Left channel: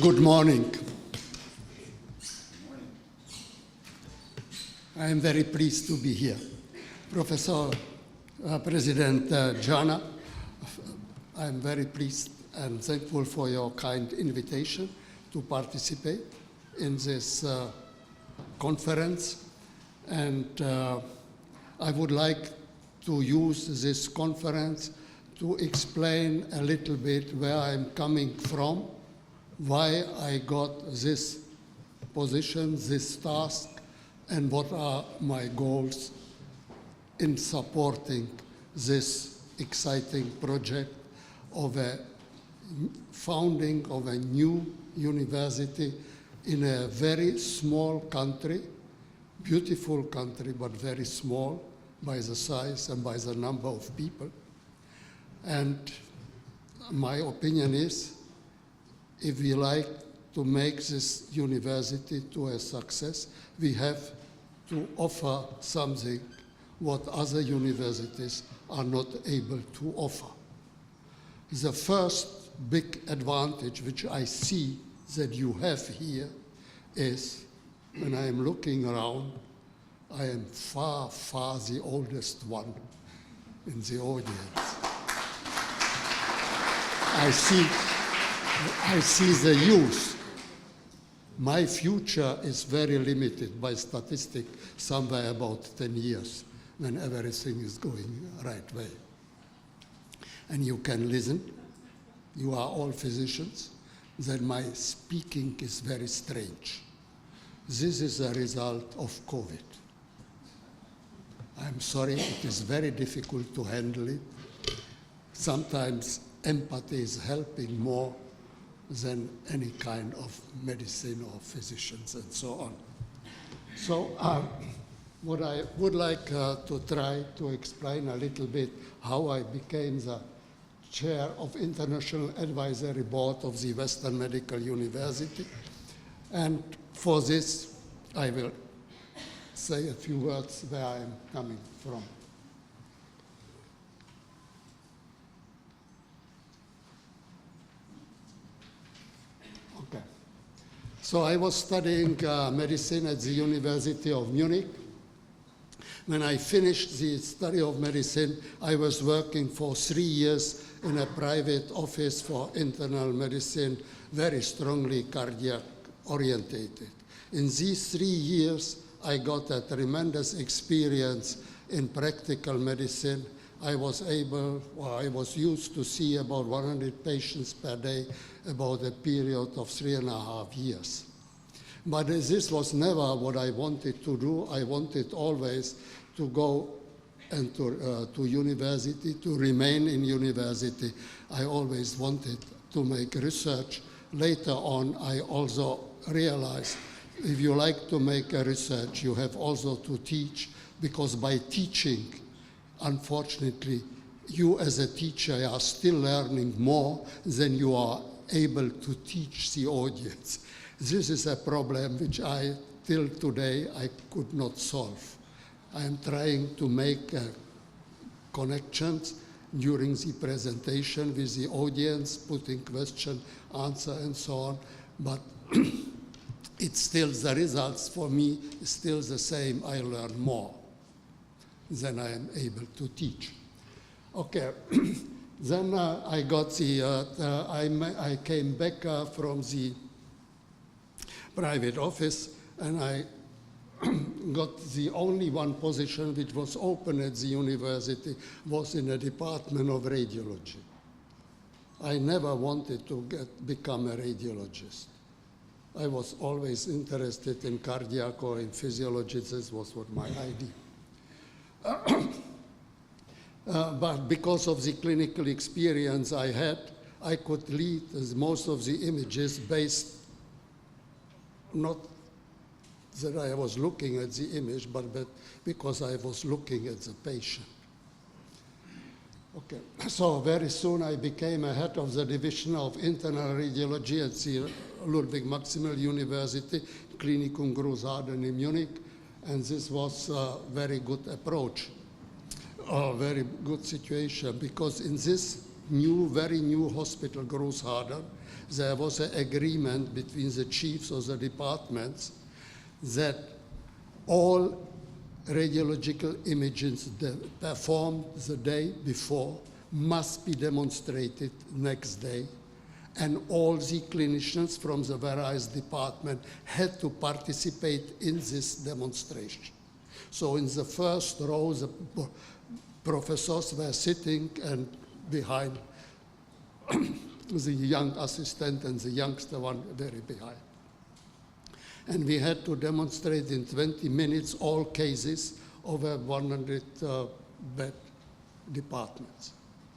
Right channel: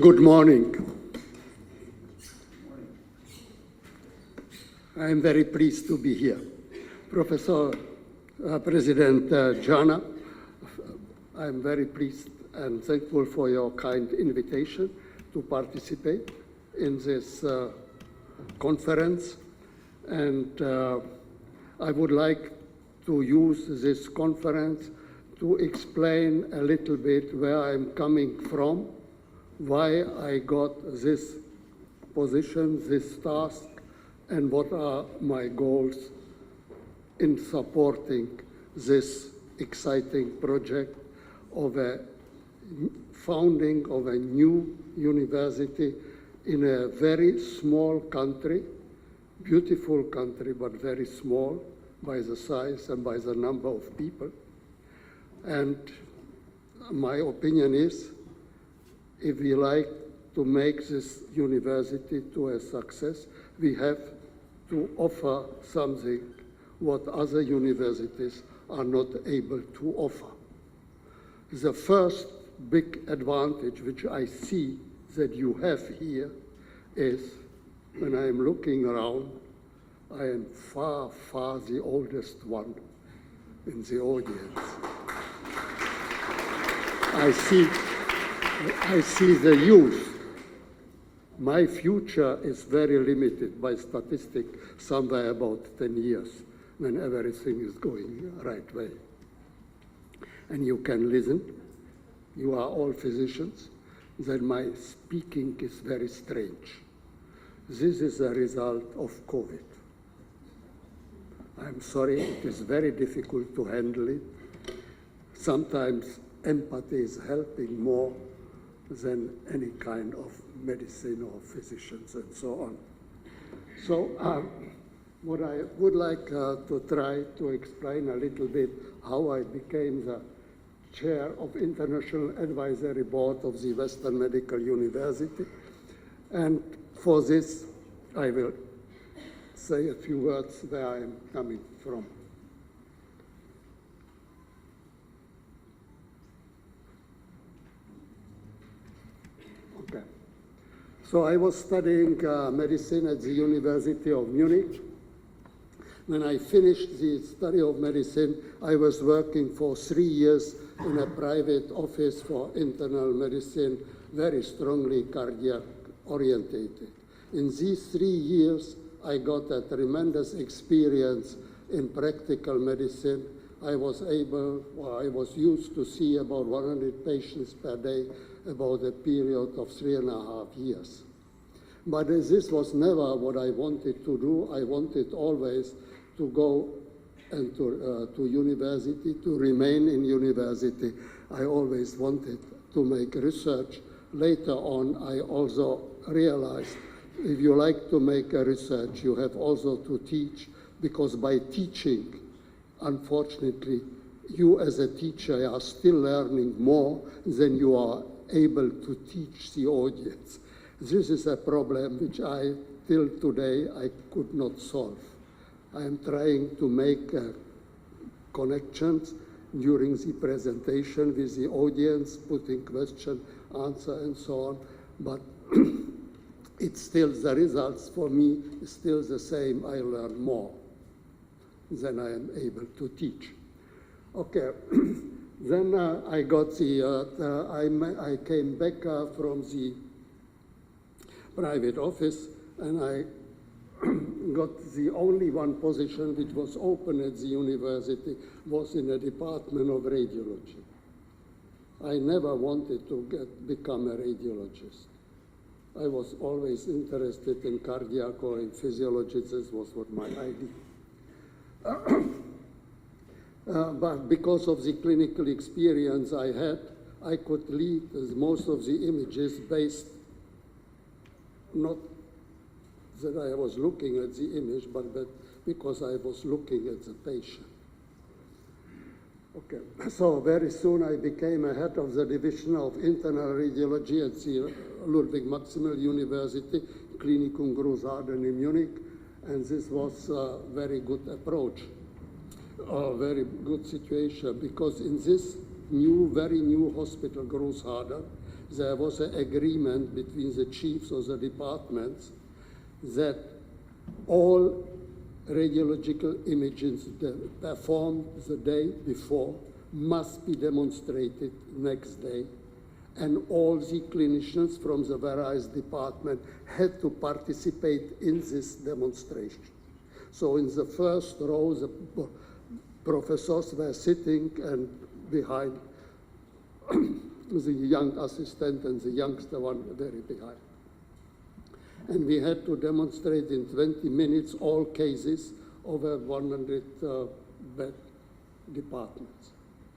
Good morning. I am very pleased to be here. Professor President Jana, I am very pleased and thankful for your kind invitation to participate in this conference. And I would like to use this conference to explain a little bit where I'm coming from, why I got this position, this task, and what are my goals in supporting this exciting project of a founding of a new university in a very small country, beautiful country, but very small by the size and by the number of people. And my opinion is, if we like to make this university to a success, we have to offer something what other universities are not able to offer. The first big advantage which I see that you have here is, when I am looking around, I am far, far the oldest one in the audience. I see the youth. My future is very limited by statistic, somewhere about 10 years, when everything is going the right way. And you can listen. You are all physicians. Then my speaking is very strange. This is a result of COVID. I'm sorry, it is very difficult to handle it. Sometimes empathy is helping more than any kind of medicine or physicians and so on. So what I would like to try to explain a little bit how I became the chair of International Advisory Board of the Western Medical University. And for this, I will say a few words where I am coming from. So I was studying medicine at the University of Munich. When I finished the study of medicine, I was working for 3 years in a private office for internal medicine, very strongly cardiac orientated. In these 3 years, I got a tremendous experience in practical medicine. I was used to see about 100 patients per day, about a period of 3.5 years. But this was never what I wanted to do. I wanted always to go to university, to remain in university. I always wanted to make research. Later on, I also realized if you like to make a research, you have also to teach, because by teaching, unfortunately, you as a teacher are still learning more than you are able to teach the audience. This is a problem which till today, I could not solve. I am trying to make connections during the presentation with the audience, putting question, answer, and so on, but it's still, the results for me is still the same. I learn more than I am able to teach. Okay. Then I got I came back from the private office, and I got the only one position which was open at the university was in a department of radiology. I never wanted to become a radiologist. I was always interested in cardiac or in physiology. This was what my idea. But because of the clinical experience I had, I could lead most of the images based, not that I was looking at the image, but because I was looking at the patient. Okay, so very soon I became a head of the Division of Internal Radiology at the Ludwig-Maximilian University, Klinikum Großharden in Munich, and this was a very good approach. A very good situation, because in this very new hospital, Großharden, there was an agreement between the chiefs of the departments that all radiological images performed the day before must be demonstrated next day, and all the clinicians from the various departments had to participate in this demonstration. So in the first row, the professors were sitting and behind the young assistant and the youngster one very behind. And we had to demonstrate in 20 minutes all cases over 100 bed departments.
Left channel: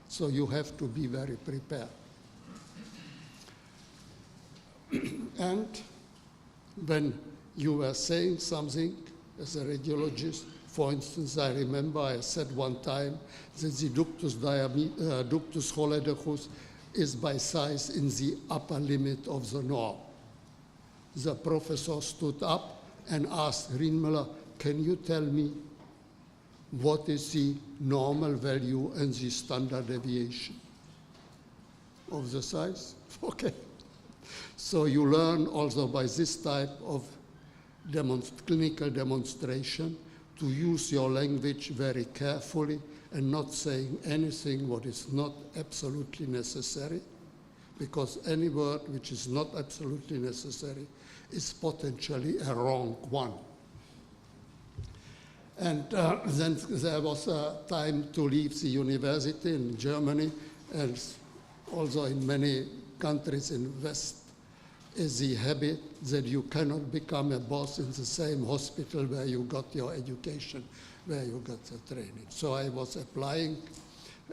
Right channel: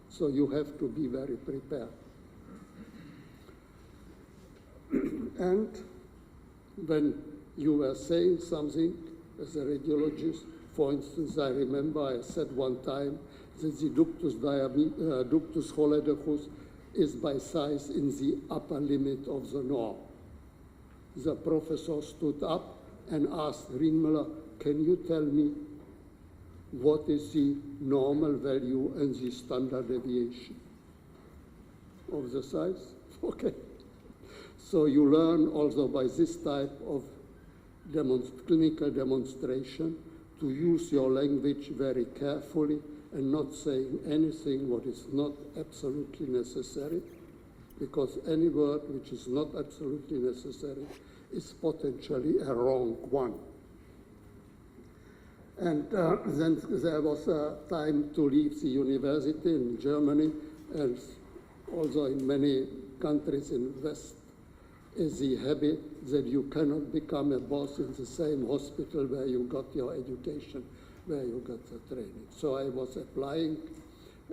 So you have to be very prepared. And when you were saying something as a radiologist, for instance, I remember I said one time that the ductus holodecus is by size in the upper limit of the norm. The professor stood up and asked Reinmuller, can you tell me what is the normal value and the standard deviation of the size? Okay. So you learn also by this type of clinical demonstration to use your language very carefully and not saying anything what is not absolutely necessary, because any word which is not absolutely necessary is potentially a wrong one. And then there was a time to leave the university in Germany, and also in many countries in West is the habit that you cannot become a boss in the same hospital where you got your education, where you got the training. So I was applying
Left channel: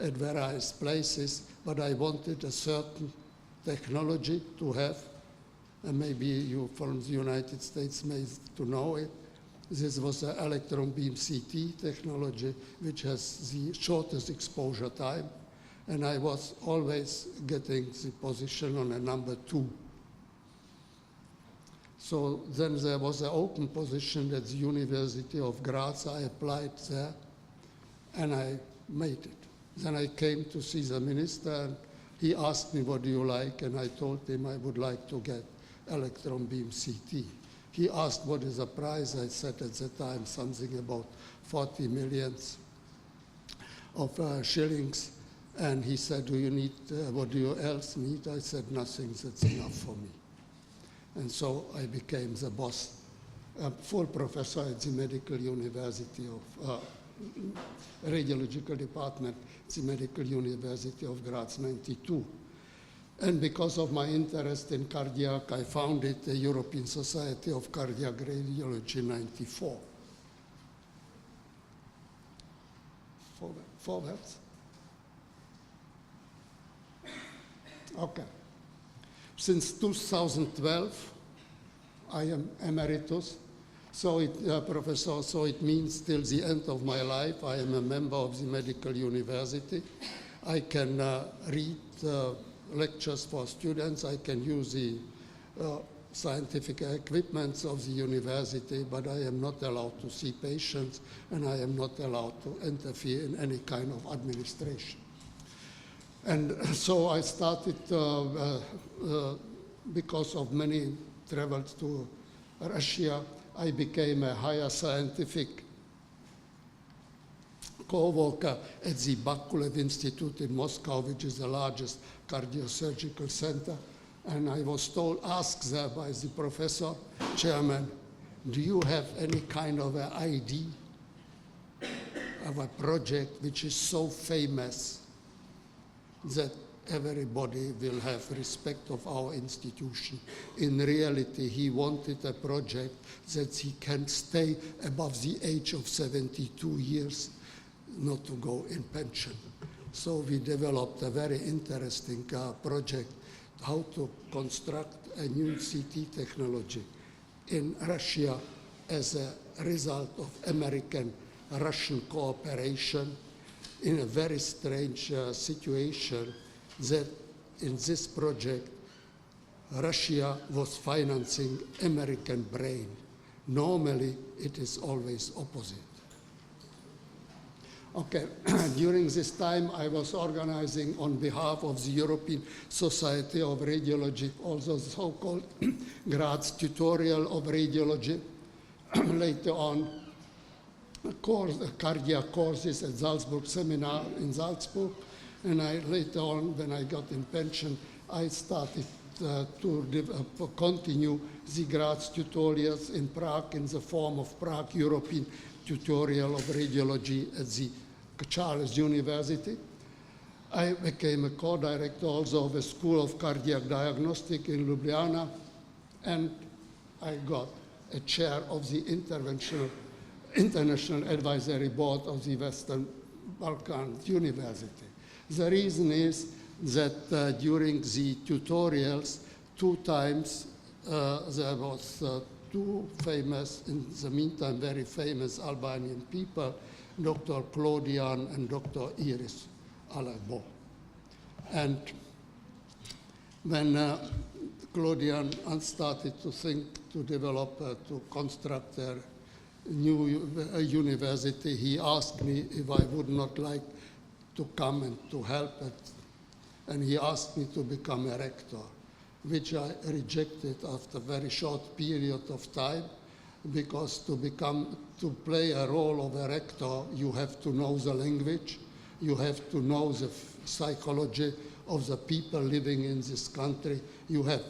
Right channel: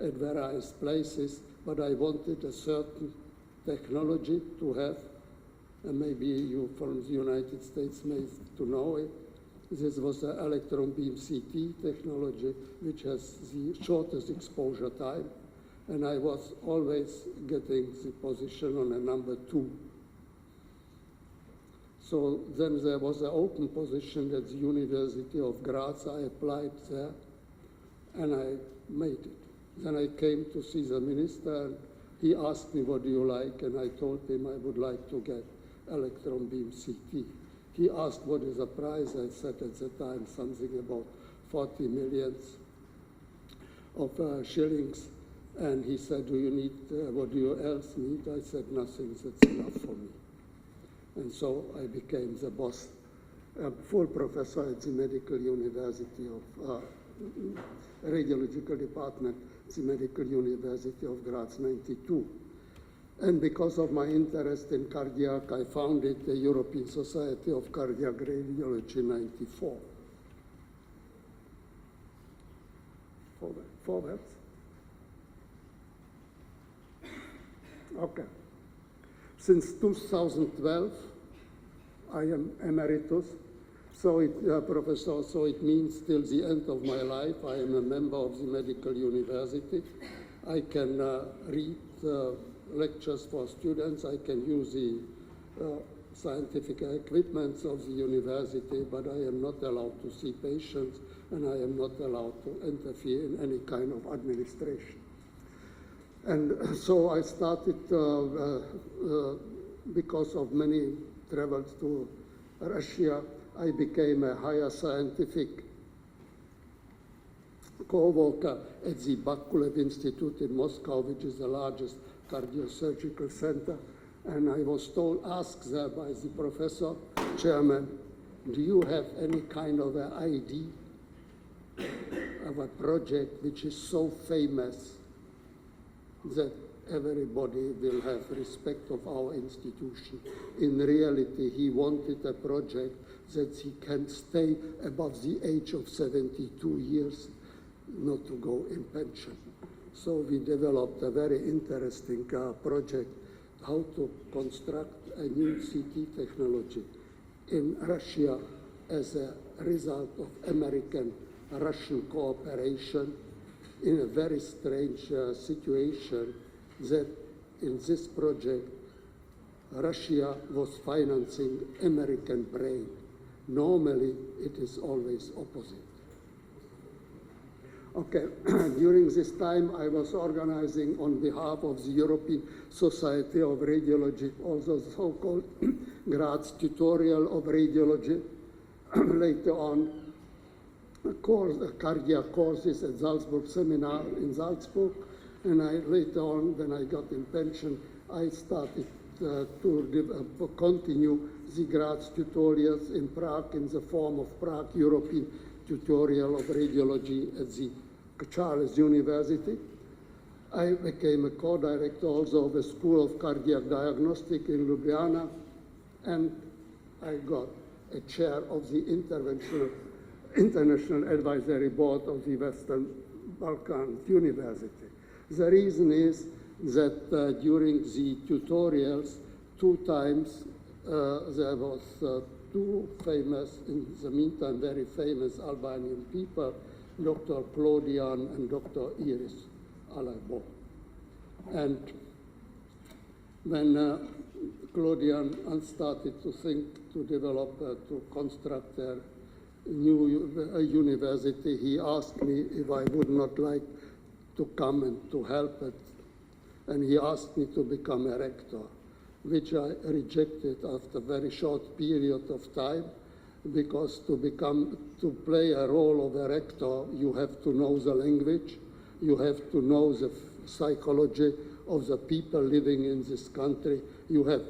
at various places, but I wanted a certain technology to have, and maybe you from the United States may to know it. This was the electron beam CT technology, which has the shortest exposure time, and I was always getting the position on a number 2. So then there was an open position at the University of Graz. I applied there, and I made it. Then I came to see the minister, and he asked me, what do you like? And I told him I would like to get electron beam CT. He asked what is the price. I said at the time something about 40 millions of shillings. And he said, do you need, what do you else need? I said, nothing, that's enough for me. And so I became the boss, full professor at the Medical University of Radiological Department, the Medical University of Graz, 92. And because of my interest in cardiac, I founded the European Society of Cardiac Radiology in 94. Forwards. Okay. Since 2012, I am emeritus, professor, so it means till the end of my life, I am a member of the medical university. I can read lectures for students, I can use the scientific equipment of the university, but I am not allowed to see patients, and I am not allowed to interfere in any kind of administration. And so I started, because of many travels to Russia, I became a higher scientific co-worker at the Bakulev Institute in Moscow, which is the largest cardiosurgical center. And I was asked there by the professor, chairman, do you have any kind of an idea of a project which is so famous that everybody will have respect of our institution? In reality, he wanted a project that he can stay above the age of 72 years, not to go in pension. So we developed a very interesting project, how to construct a new CT technology in Russia as a result of American-Russian cooperation in a very strange situation that in this project, Russia was financing American brain. Normally, it is always opposite. Okay, during this time I was organizing on behalf of the European Society of Radiology, also the so-called Graz Tutorial of Radiology. Later on, cardiac courses at Salzburg Seminar in Salzburg. And later on, when I got in pension, I started to continue the Graz tutorials in Prague in the form of Prague European Tutorial of Radiology at the Charles University. I became a co-director also of the School of Cardiac Diagnostic in Ljubljana, and I got a chair of the International Advisory Board of the Western Balkans University. The reason is that during the tutorials, 2 times there was 2 famous, in the meantime very famous Albanian people, Dr. Claudian and Dr. Iris Alagbo. And when Claudian started to think, to develop, to construct a new university, he asked me if I would not like to come and to help it. And he asked me to become a rector, which I rejected after a very short period of time, because to play a role of a rector, you have to know the language, you have to know the psychology of the people living in this country, you have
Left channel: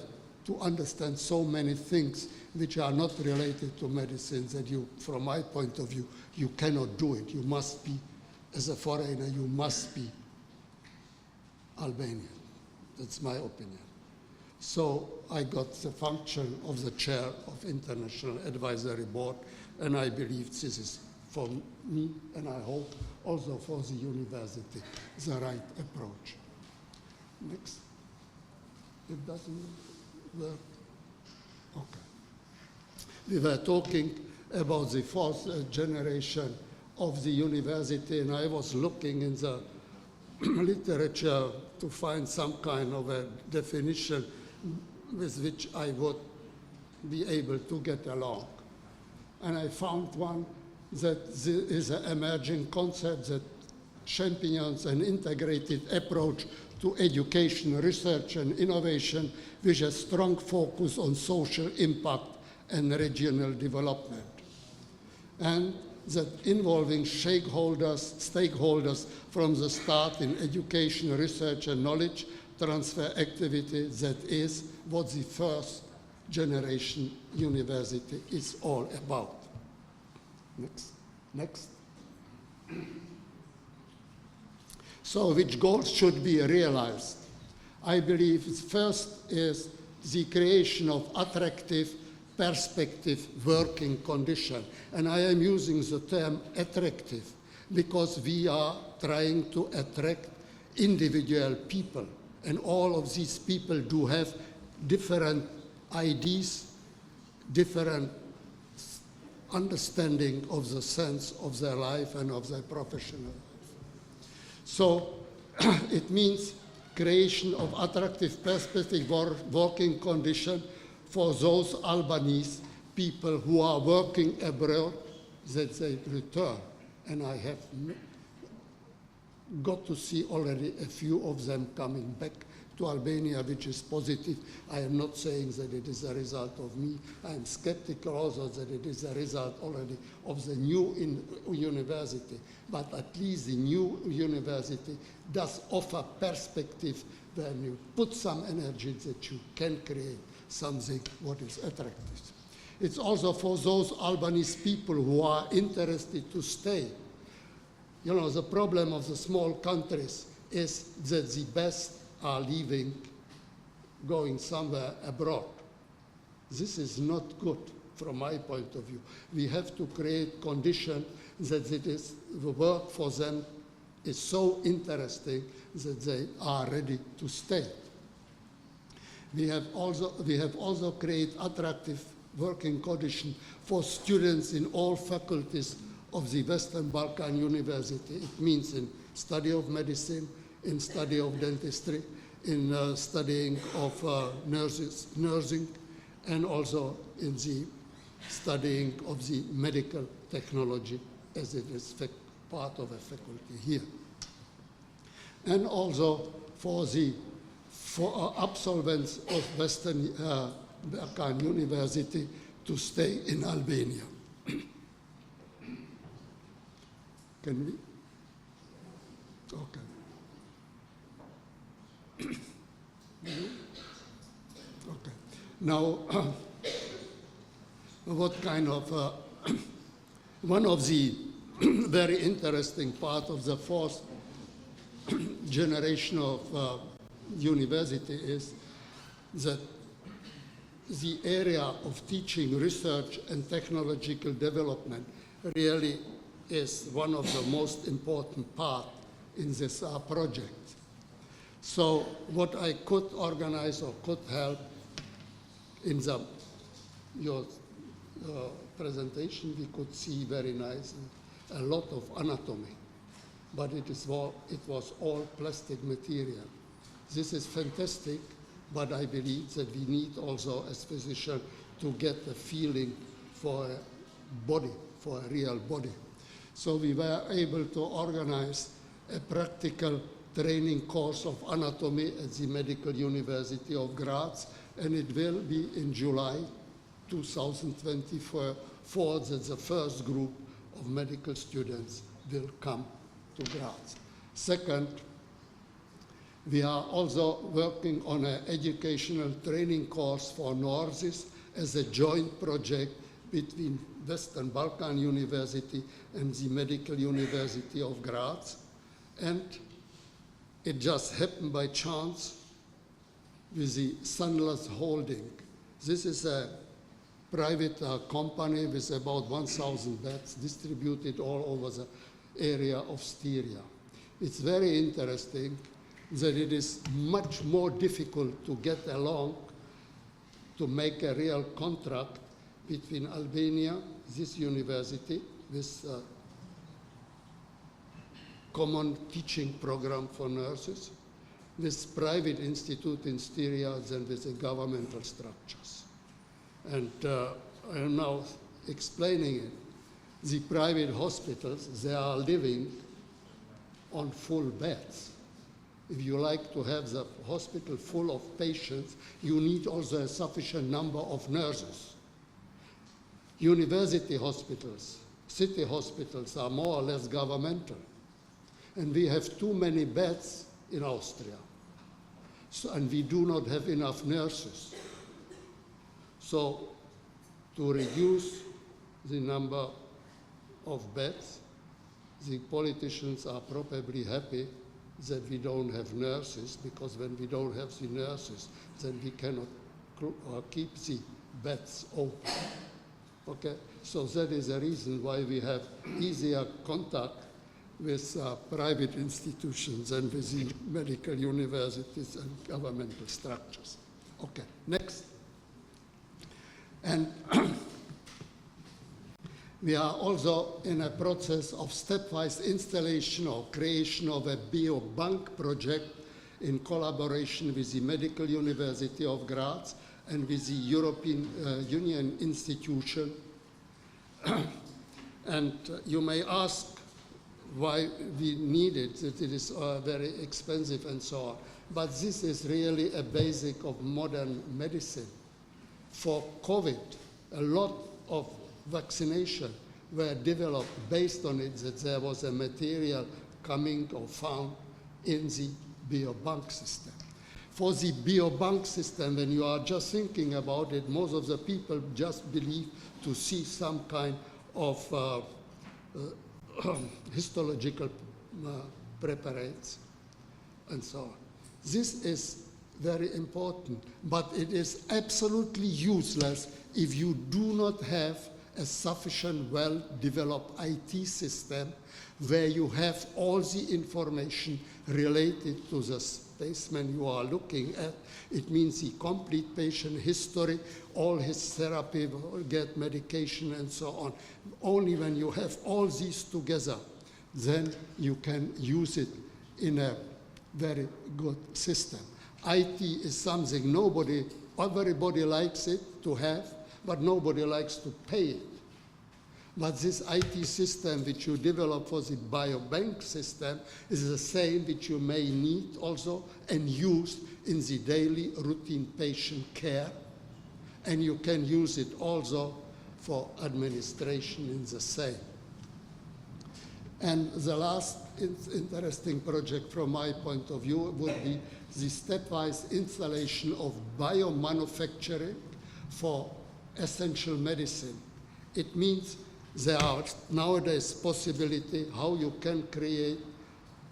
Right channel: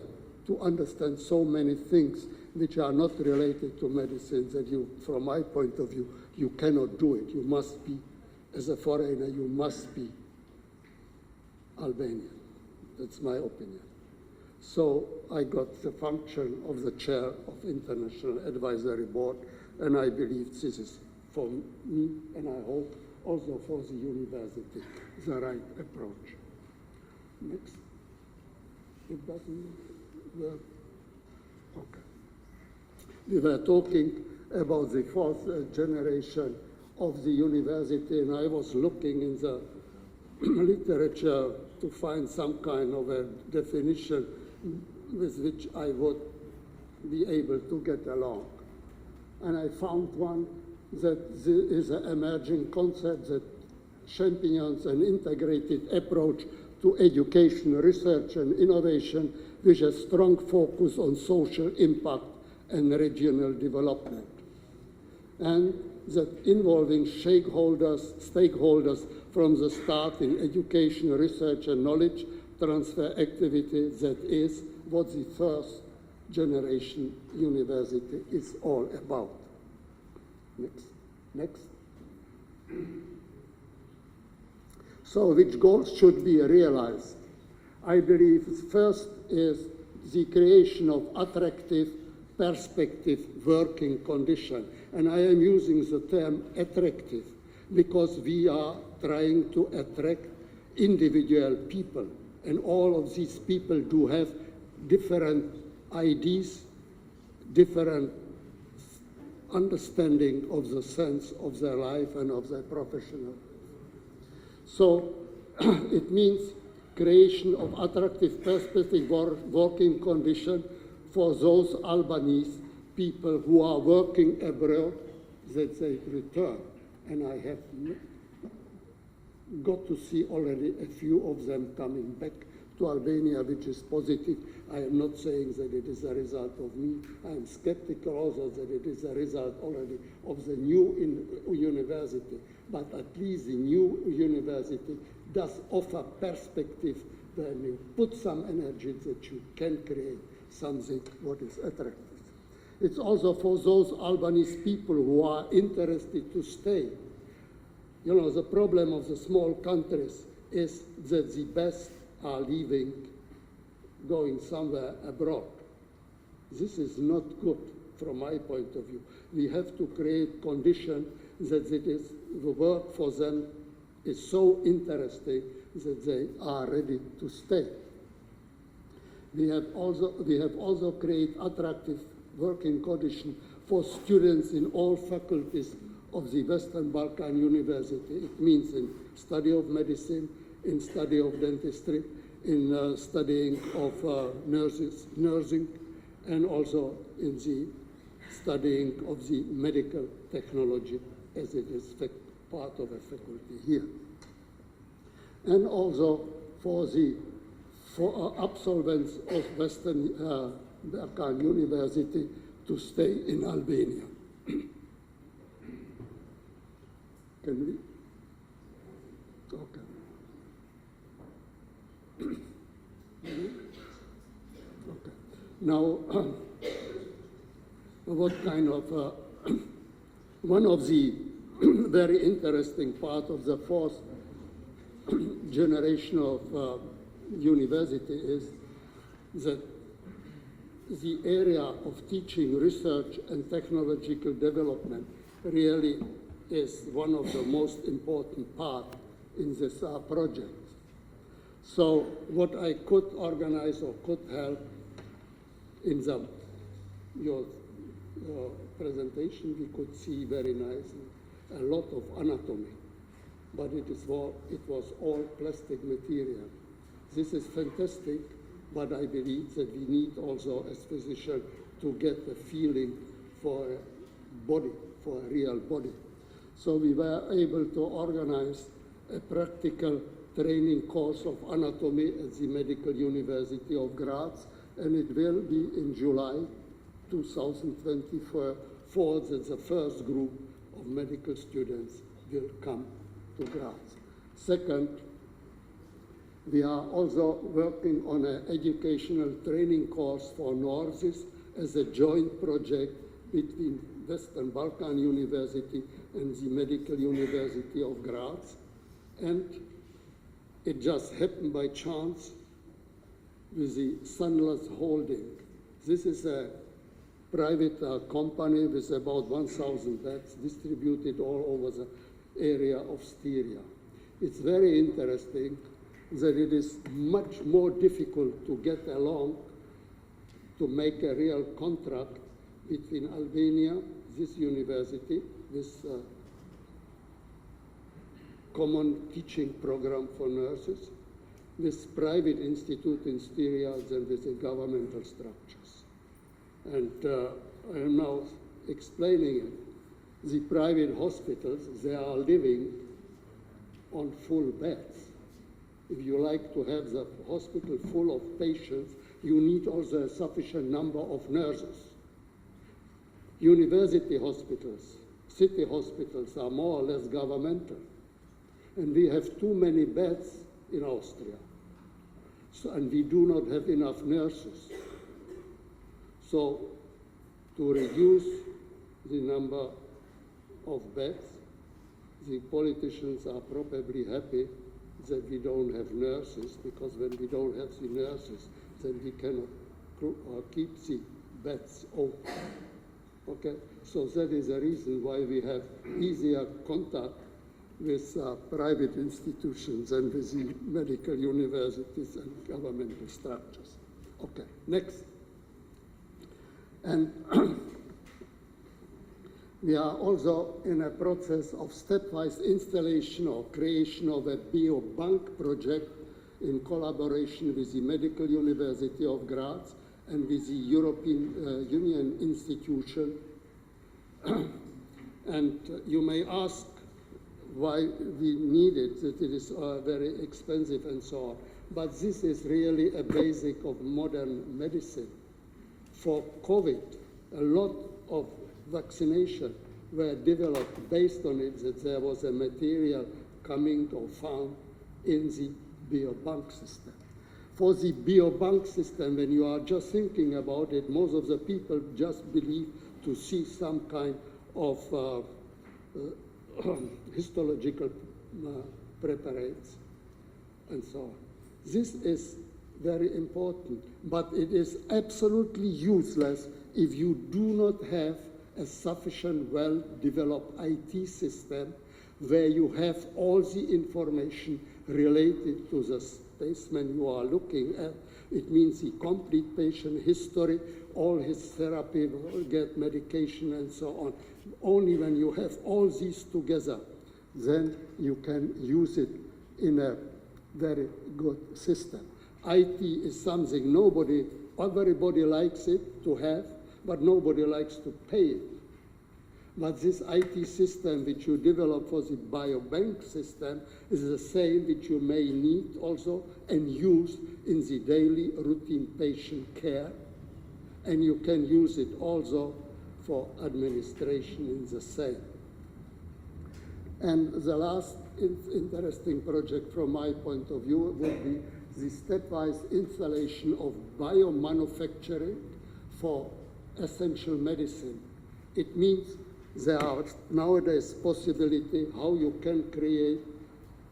to understand so many things which are not related to medicine that you, from my point of view, you cannot do it. You must be, as a foreigner, you must be Albanian. That's my opinion. So I got the function of the chair of International Advisory Board, and I believe this is for me, and I hope also for the university, the right approach. Next. It doesn't work. Okay. We were talking about the 4th generation of the university, and I was looking in the literature to find some kind of a definition with which I would be able to get along. And I found one that is an emerging concept that champions an integrated approach to education, research, and innovation with a strong focus on social impact and regional development. And that involving stakeholders from the start in education, research, and knowledge transfer activity, that is what the 1st generation university is all about. Next. So which goals should be realized? I believe first is the creation of attractive, perspective working condition. And I am using the term attractive because we are trying to attract individual people. And all of these people do have different ideas, different understanding of the sense of their life and of their professional life. So it means creation of attractive perspective working condition for those Albanese people who are working abroad, that they return. And I have got to see already a few of them coming back to Albania, which is positive. I am not saying that it is a result of me. I am skeptical also that it is a result already of the new university. But at least the new university does offer perspective when you put some energy that you can create something what is attractive. It's also for those Albanese people who are interested to stay. You know, the problem of the small countries is that the best are leaving, going somewhere abroad. This is not good from my point of view. We have to create conditions that the work for them is so interesting that they are ready to stay. We have also created attractive working conditions for students in all faculties of the Western Balkan University. It means in study of medicine, in study of dentistry, in studying of nursing, and also in the studying of the medical technology as it is part of a faculty here. And also for the absolvents of Western Balkan University to stay in Albania. Can we? Okay. Okay. Now, what kind of, one of the very interesting part of the fourth generation of university is that the area of teaching, research, and technological development really is one of the most important part in this project. So what I could organize or could help in your presentation, we could see very nicely a lot of anatomy, but it was all plastic material. This is fantastic, but I believe that we need also as physicians to get a feeling for a body, for a real body. So we were able to organize a practical training course of anatomy at the Medical University of Graz, and it will be in July 2024 that the first group of medical students will come to Graz. Second, we are also working on an educational training course for nurses as a joint project between Western Balkan University and the Medical University of Graz. And it just happened by chance with the Sunless Holding. This is a private company with about 1,000 beds distributed all over the area of Styria. It's very interesting that it is much more difficult to get along to make a real contract between Albania, this university, this common teaching program for nurses, this private institute in Styria, and with the governmental structures. And I am now explaining it. The private hospitals, they are living on full beds. If you like to have the hospital full of patients, you need also a sufficient number of nurses. University hospitals, city hospitals are more or less governmental. And we have too many beds in Austria. So, and we do not have enough nurses. So to reduce the number of beds, the politicians are probably happy that we don't have nurses, because when we don't have the nurses, then we cannot keep the beds open. Okay, so that is the reason why we have easier contact with private institutions and with the medical universities and governmental structures. Okay, next. And we are also in a process of stepwise installation or creation of a biobank project in collaboration with the Medical University of Graz and with the European Union institution. And you may ask why we need it, that it is very expensive and so on. But this is really a basic of modern medicine. For COVID, a lot of vaccination were developed based on it, that there was a material coming or found in the biobank system. For the biobank system, when you are just thinking about it, most of the people just believe to see some kind of histological preparates and so on. This is very important, but it is absolutely useless if you do not have a sufficient well-developed IT system where you have all the information related to the specimen you are looking at. It means the complete patient history, all his therapy, get medication and so on. Only when you have all these together, then you can use it in a very good system. IT is something everybody likes it to have, but nobody likes to pay it. But this IT system which you develop for the biobank system is the same which you may need also and use in the daily routine patient care. And you can use it also for administration in the same. And the last interesting project from my point of view would be the stepwise installation of biomanufacturing for essential medicine. It means there are nowadays possibility how you can create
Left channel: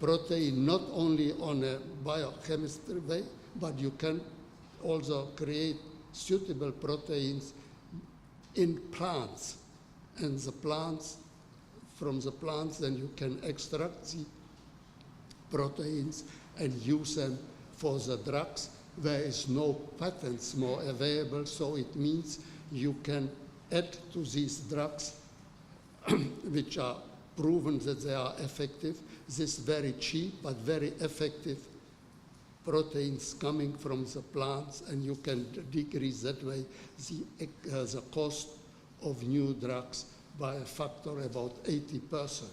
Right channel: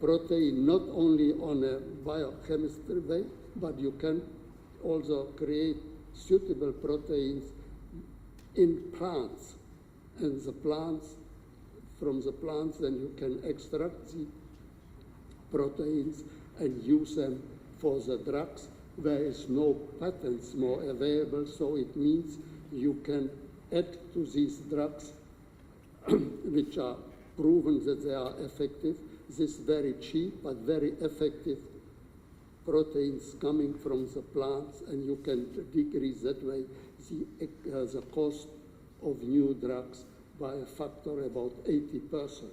protein not only on a biochemistry way, but you can also create suitable proteins in plants. And the plants, from the plants, then you can extract the proteins and use them for the drugs. There is no patents more available, so it means you can add to these drugs which are proven that they are effective, this very cheap but very effective proteins coming from the plants, and you can decrease that way the cost of new drugs by a factor about 80%.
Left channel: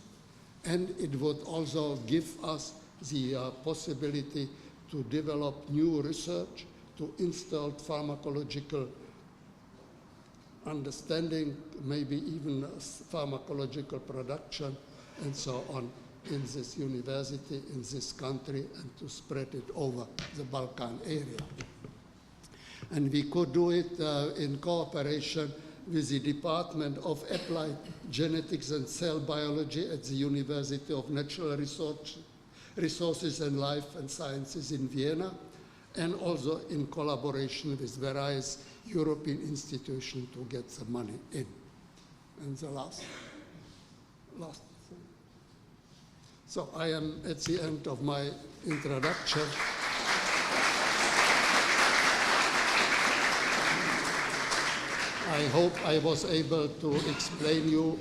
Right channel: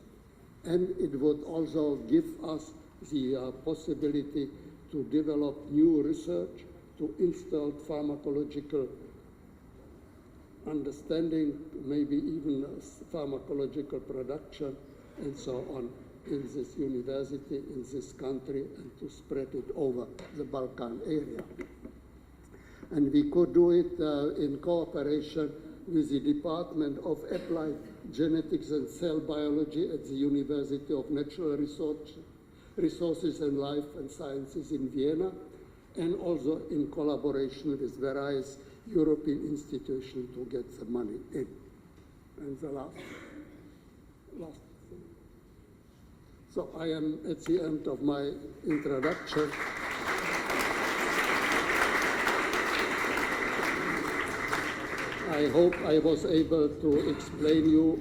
And it would also give us the possibility to develop new research, to install pharmacological understanding, maybe even pharmacological production, and so on in this university, in this country, and to spread it over the Balkan area. And we could do it in cooperation with the Department of Applied Genetics and Cell Biology at the University of Natural Resources and Life and Sciences in Vienna, and also in collaboration with various European institutions to get the money in. And the last. So I am at the end of my introduction. I hope I was able to explain you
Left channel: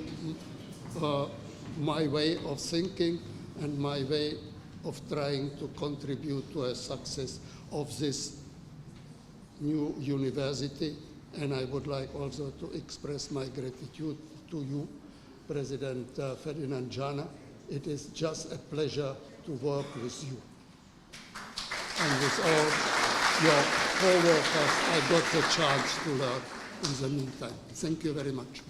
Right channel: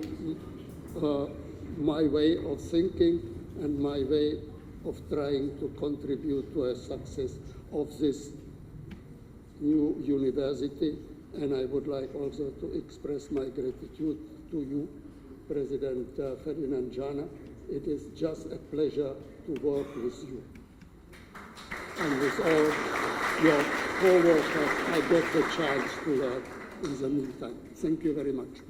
my way of thinking and my way of trying to contribute to a success of this new university. And I would like also to express my gratitude to you, President Ferdinand Jana. It is just a pleasure to work with you. And with all your co-workers, I got the chance to learn in the meantime. Thank you very much.